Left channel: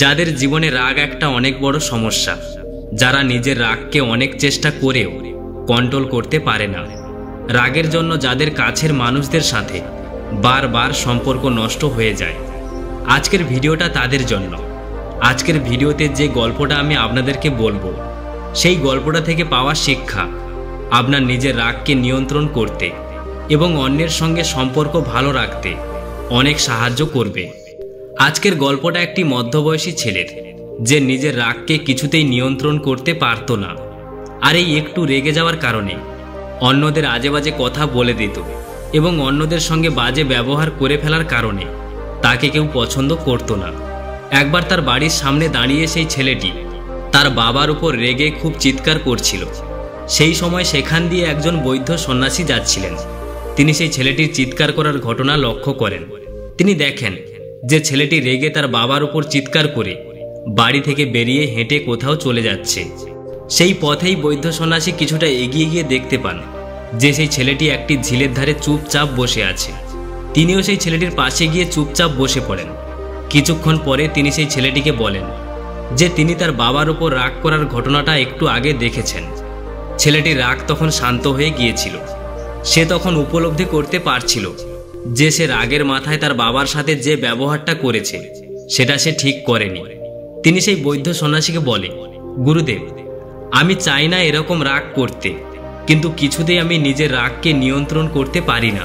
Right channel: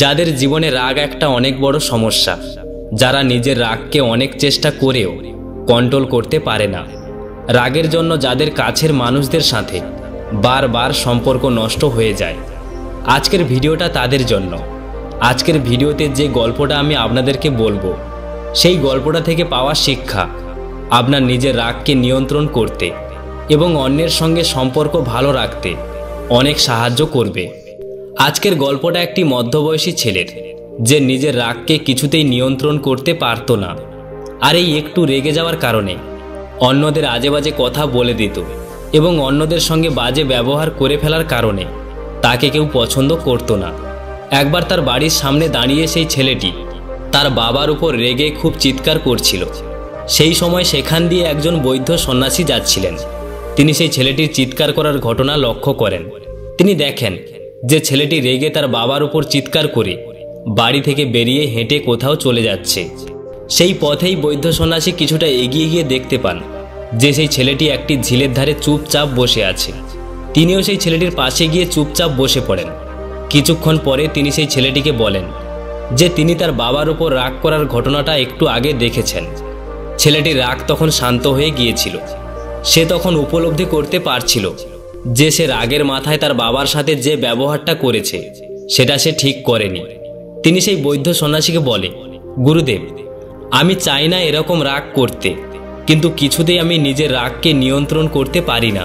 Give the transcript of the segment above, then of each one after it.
যাদের জীবনে রাগ একটা অনেক বড় সমস্যা, যারা নিজের রাগকে অনেক চেষ্টা করেও কন্ট্রোল করতে পারে না। রাগের জন্য যাদের কাছের মানুষদের সাথে বারবার সম্পর্ক নষ্ট হয়ে যায়। আজকের ভিডিওটা তাদের জন্য। আজকের ভিডিওতে যে গল্পটা আমি আপনাদেরকে বলবো, সেই গল্পটা থেকে পাওয়া শিক্ষা আপনার নিজের রাগকে নিয়ন্ত্রণ করতে এবং অন্যের সঙ্গে সম্পর্ক ভালো রাখতে অনেক সাহায্য করবে। আজকের গল্পটা একটি মধ্যবয়সী ছেলের, যে নিজের রাগকে কিছুতেই নিয়ন্ত্রণ করতে পারত না। আর এই একটু রেগে যাওয়ার কারণে অন্যদের আজে বাজে কথা বলে দিত এবং অন্যদের সঙ্গে বাজে ব্যবহার করে ফেলার কারণে তাকে কেউ পছন্দ করত না। একবার তার বাড়ির সামনে দাঁড়িয়ে সেই ছেলেটি তার বাবার উপর রেগে খুব চিৎকার করছিল। সেই সময় সেখান দিয়ে একজন বৌদ্ধ সন্ন্যাসী যাচ্ছিলেন। তিনি সেই ছেলেটির চিৎকার করার ঘটনা লক্ষ্য করেন। তিনি দেখেন যে ছেলেটি রেগে তার বাবার উপর চিৎকার করে বাড়ি থেকে বেরিয়ে হেঁটে কোথাও চলে যাচ্ছে। সেই পথেই বৌদ্ধ সন্ন্যাসী কিছুটা এগিয়ে গিয়ে দেখতে পান যে সেই ছেলেটি একটি ঝিলের ধারে চুপচাপ বসে আছে। তিনিও সেই ছেলেটির পাশে গিয়ে চুপচাপ বসে পড়েন। কিছুক্ষণ পরে তিনি সেই ছেলেটিকে বলেন যে তিনি তার বাবার উপর রাগ করার ঘটনাটা একটু আগে দেখেছেন। ছেলেটির রাগ তখন শান্ত হয়ে গিয়েছিল। সে তখন উপলব্ধি করতে পারছিল যে সে রাগের মাথায় তার বাবার সাথে যে ব্যবহারটা করেছে সেটা সে ঠিক করেনি। তিনি সেই বৌদ্ধ সন্ন্যাসীকে বলে, গুরুদেব, আমি চাই না এরকম রাগ করতে, কিন্তু কিছুতেই আমি নিজের রাগকে নিয়ন্ত্রণ করতে পারি না।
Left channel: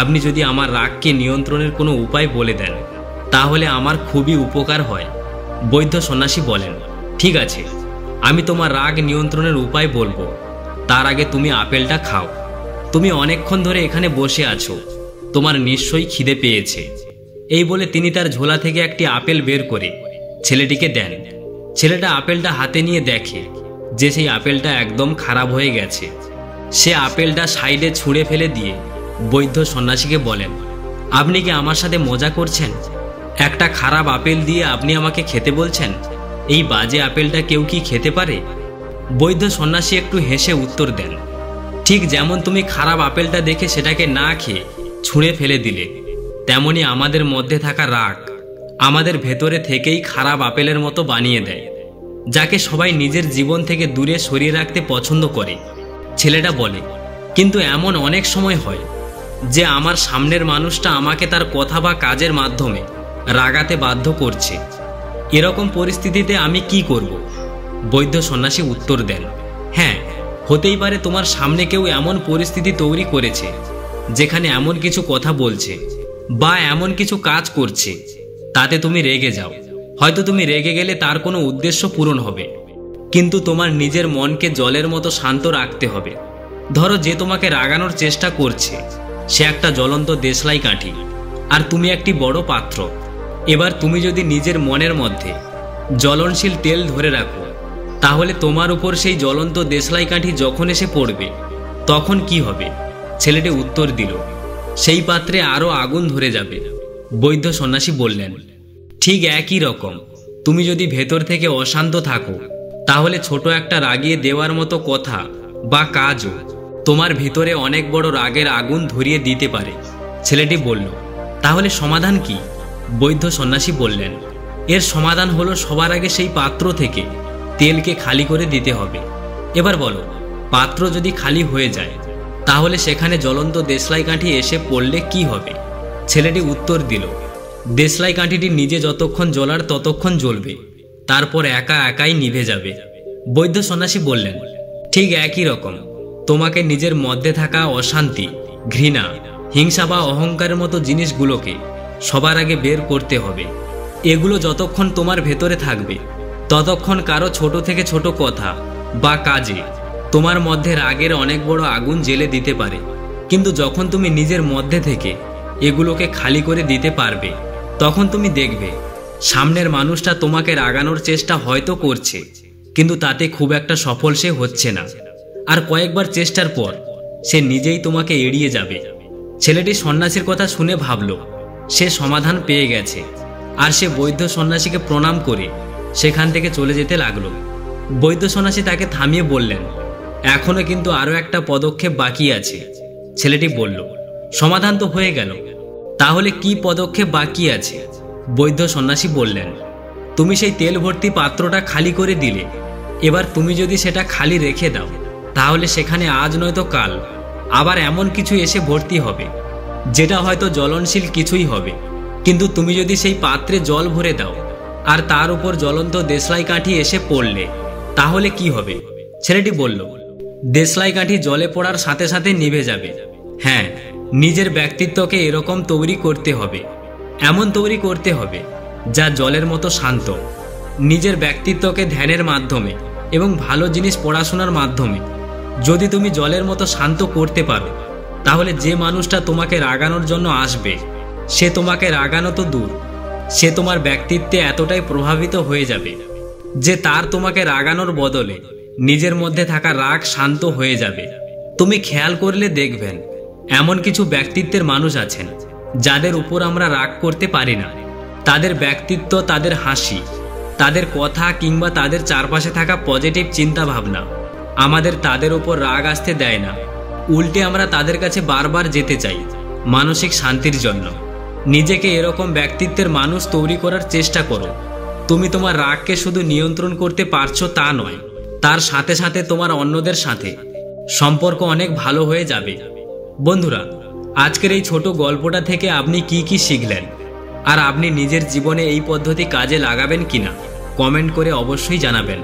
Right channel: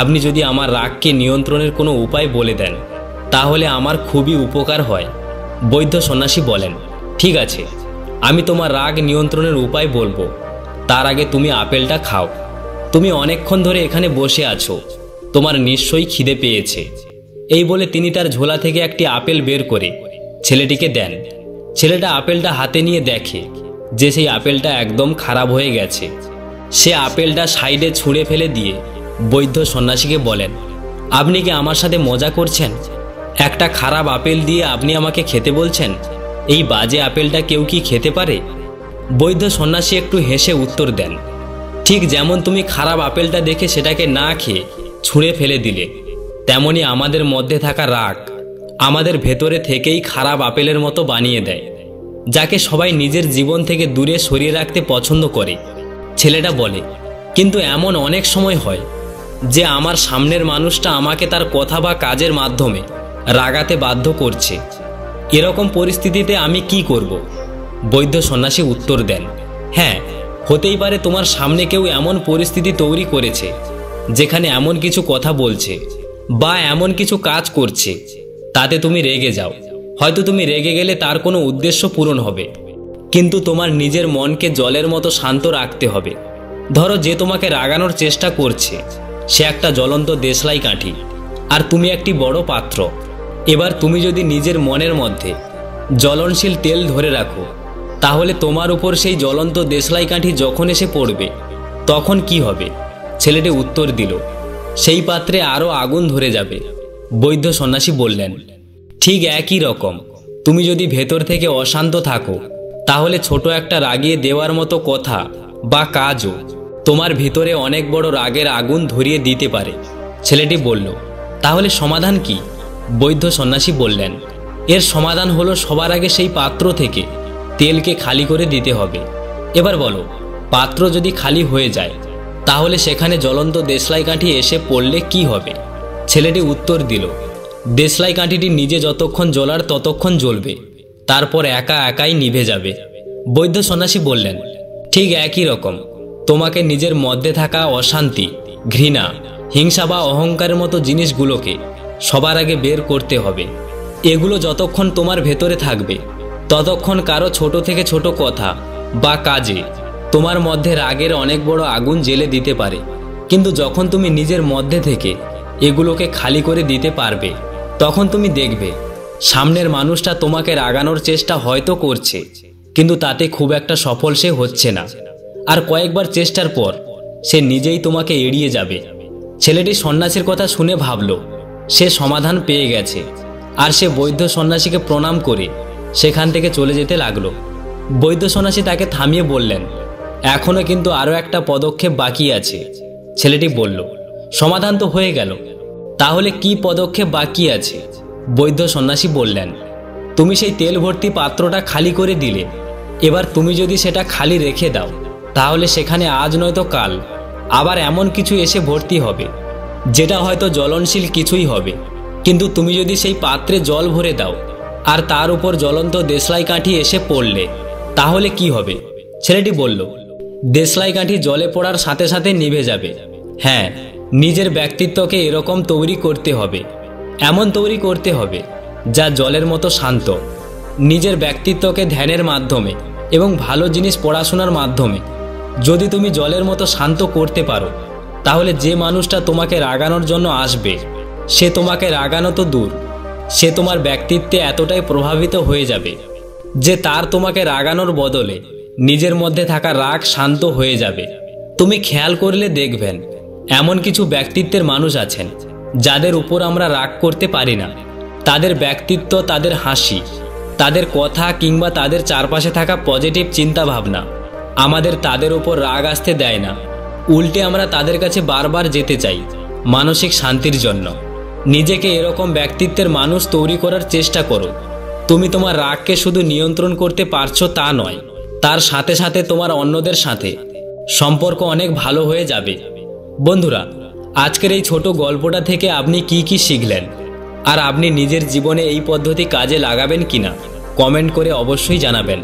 আপনি যদি আমার রাগকে নিয়ন্ত্রণের কোনো উপায় বলে দেন তাহলে আমার খুবই উপকার হয়। বৌদ্ধ সন্ন্যাসী বলেন, ঠিক আছে, আমি তোমার রাগ নিয়ন্ত্রণের উপায় বলবো। তার আগে তুমি আপেলটা খাও। তুমি অনেকক্ষণ ধরে এখানে বসে আছো, তোমার নিশ্চয়ই খিদে পেয়েছে। এই বলে তিনি তার ঝোলা থেকে একটি আপেল বের করে ছেলেটিকে দেন। ছেলেটা আপেলটা হাতে নিয়ে দেখে যে সেই আপেলটা একদম খারাপ হয়ে গেছে। সে আপেলটা সাইডে ছুঁড়ে ফেলে দিয়ে বৌদ্ধ সন্ন্যাসীকে বলেন, আপনি কি আমার সাথে মজা করছেন? একটা খারাপ আপেল দিয়ে আপনি আমাকে খেতে বলছেন? এই বাজে আপেলটা কেউ কি খেতে পারে? বৌদ্ধ সন্ন্যাসী একটু হেসে উত্তর দেন, ঠিক যেমন তুমি খারাপ আপেলটা দেখে সেটাকে না খেয়ে ছুঁড়ে ফেলে দিলে, তেমনি আমাদের মধ্যে থাকা রাগ আমাদের ভেতরে থেকেই খারাপ আপেলের মতো বানিয়ে দেয়, যাকে সবাই নিজের জীবন থেকে দূরে সরিয়ে রাখতে পছন্দ করে। ছেলেটা বলে, কিন্তু এমন অনেক সময় হয় যে আমার সামনের মানুষটা আমাকে তার কথা বা কাজের মাধ্যমে রাগাতে বাধ্য করছে। এরকম পরিস্থিতিতে আমি কি করব? বৌদ্ধ সন্ন্যাসী উত্তর দেন, হ্যাঁ, হতেই পারে তোমার সামনে কেউ এমন পরিস্থিতি তৈরি করেছে যেখানে এমন কিছু কথা বলছে বা এমন কিছু কাজ করছে, তাতে তুমি রেগে যাও। হয়তো তুমি রেগে গেলে তার কোনো উদ্দেশ্য পূরণ হবে, কিন্তু তোমার নিজের মনকে জলের মতো শান্ত রাখতে হবে। ধরো, যে তোমাকে রাগানোর চেষ্টা করছে সে একটা জ্বলন্ত দেশলাই কাঠি আর তুমি একটি বড় পাত্র। এবার তুমি যদি নিজের মনের মধ্যে জ্বলনশীল তেল ধরে রাখো, তাহলে তোমার উপর সেই জ্বলন্ত দেশলাই কাঠি যখন এসে পড়বে তখন কি হবে? ছেলেটি উত্তর দিল, সেই পাত্রে আরো আগুন ধরে যাবে। বৌদ্ধ সন্ন্যাসী বললেন, ঠিক একই রকম তুমি যদি ভেতর থেকে অশান্ত থাকো, তাহলে ছোট একটা রাগিয়ে দেওয়ার মতো কথা বা কাজও তোমার ভিতরে অনেক বড় রাগের আগুন ধরিয়ে দিতে পারে। ছেলেটি বলল, তাহলে সমাধান কি? বৌদ্ধ সন্ন্যাসী বললেন, এর সমাধান হলো সবার আগে সেই পাত্র থেকে তেলকে খালি করে দিতে হবে। এবার বলো, পাত্র যদি খালি হয়ে যায় তাহলে সেখানে জ্বলন্ত দেশলাই কাঠি এসে পড়লে কি হবে? ছেলেটি উত্তর দিল, দেশলাই কাঠিটি নিজে যতক্ষণ জ্বলার ততক্ষণ জ্বলবে, তারপর একা একাই নিভে যাবে। বৌদ্ধ সন্ন্যাসী বললেন, ঠিক একই রকম তোমাকে নিজের মধ্যে থাকা অশান্তি, ঘৃণা, হিংসা বা অহংকারের মতো জিনিসগুলোকে সবার আগে বের করতে হবে। এগুলো যতক্ষণ তোমার ভেতরে থাকবে ততক্ষণ কারো ছোট থেকে ছোট কথা বা কাজে তোমার মধ্যে রাগের অনেক বড় আগুন জ্বেলে দিতে পারে। কিন্তু যখন তুমি নিজের মধ্যে থেকে এগুলোকে খালি করে দিতে পারবে, তখন তুমি দেখবে সামনের মানুষটা তোমাকে রাগানোর চেষ্টা হয়তো করছে, কিন্তু তাতে খুব একটা সফল সে হচ্ছে না। আর কয়েকবার চেষ্টার পর সে নিজেই তোমাকে এড়িয়ে যাবে। ছেলেটি সন্ন্যাসীর কথা শুনে ভাবল সে সমাধান পেয়ে গেছে, আর সে বৌদ্ধ সন্ন্যাসীকে প্রণাম করে সেখান থেকে চলে যেতে লাগলো। বৌদ্ধ সন্ন্যাসী তাকে থামিয়ে বললেন, এখনো কিন্তু আরো একটা পদক্ষেপ বাকি আছে। ছেলেটি বলল, সমাধান তো হয়ে গেল, তাহলে কি পদক্ষেপ বাকি আছে? বৌদ্ধ সন্ন্যাসী বললেন, তুমি সেই তেল ভর্তি পাত্রটা খালি করে দিলে। এবার তুমি যদি সেটা খালি রেখে দাও, তাহলে সেখানে আজ নয়তো কাল আবার এমন কিছু এসে ভর্তি হবে, যেটা হয়তো জ্বলনশীল কিছুই হবে। কিন্তু তুমি যদি সেই পাত্রে জল ভরে দাও আর তার উপর জ্বলন্ত দেশলাই কাঠি এসে পড়লে, তাহলে কি হবে? ছেলেটি বলল, দেশলাই কাঠি জলে পড়ার সাথে সাথে নিভে যাবে। হ্যাঁ, নিজের ব্যক্তিত্বকে এরকম তৈরি করতে হবে, এমন তৈরি করতে হবে যা জলের মতো শান্ত। নিজের ব্যক্তিত্বকে ধ্যানের মাধ্যমে এবং ভালো জিনিস পড়াশোনার মাধ্যমে যদি তুমি জলের মতো শান্ত করতে পারো, তাহলে যে মানুষটা তোমাকে রাগানোর জন্য আসবে, সে তোমাকে রাগানো তো দূর, সে তোমার ব্যক্তিত্বে এতটাই প্রভাবিত হয়ে যাবে যে তার তোমাকে রাগানোর বদলে নিজের মধ্যে থাকা রাগ শান্ত হয়ে যাবে। তুমি খেয়াল করলে দেখবেন, এমন কিছু ব্যক্তিত্বের মানুষ আছেন যাদের উপর আমরা রাগ করতে পারি না। তাদের ব্যক্তিত্ব, তাদের হাসি, তাদের কথা কিংবা তাদের চারপাশে থাকা পজিটিভ চিন্তা ভাবনা আমাদের তাদের উপর রাগ আসতে দেয় না। উল্টে আমরা তাদের কাছে বারবার যেতে চাই মানসিক শান্তির জন্য। নিজেকে এরকম ব্যক্তিত্বের মানুষ তৈরি করার চেষ্টা করো। তুমি তোমার রাগকে শুধু নিয়ন্ত্রণ করতে পারছো তা নয়, তার সাথে সাথে তোমার অন্যদের সাথে সম্পর্ক অনেক ভালো হয়ে যাবে। বন্ধুরা, আজকের এই ছোট গল্পটা থেকে আপনি কি কি শিখলেন, আর আপনি নিজের জীবনে এই পদ্ধতি কাজে লাগাবেন কিনা কমেন্ট করে অবশ্যই জানাবেন।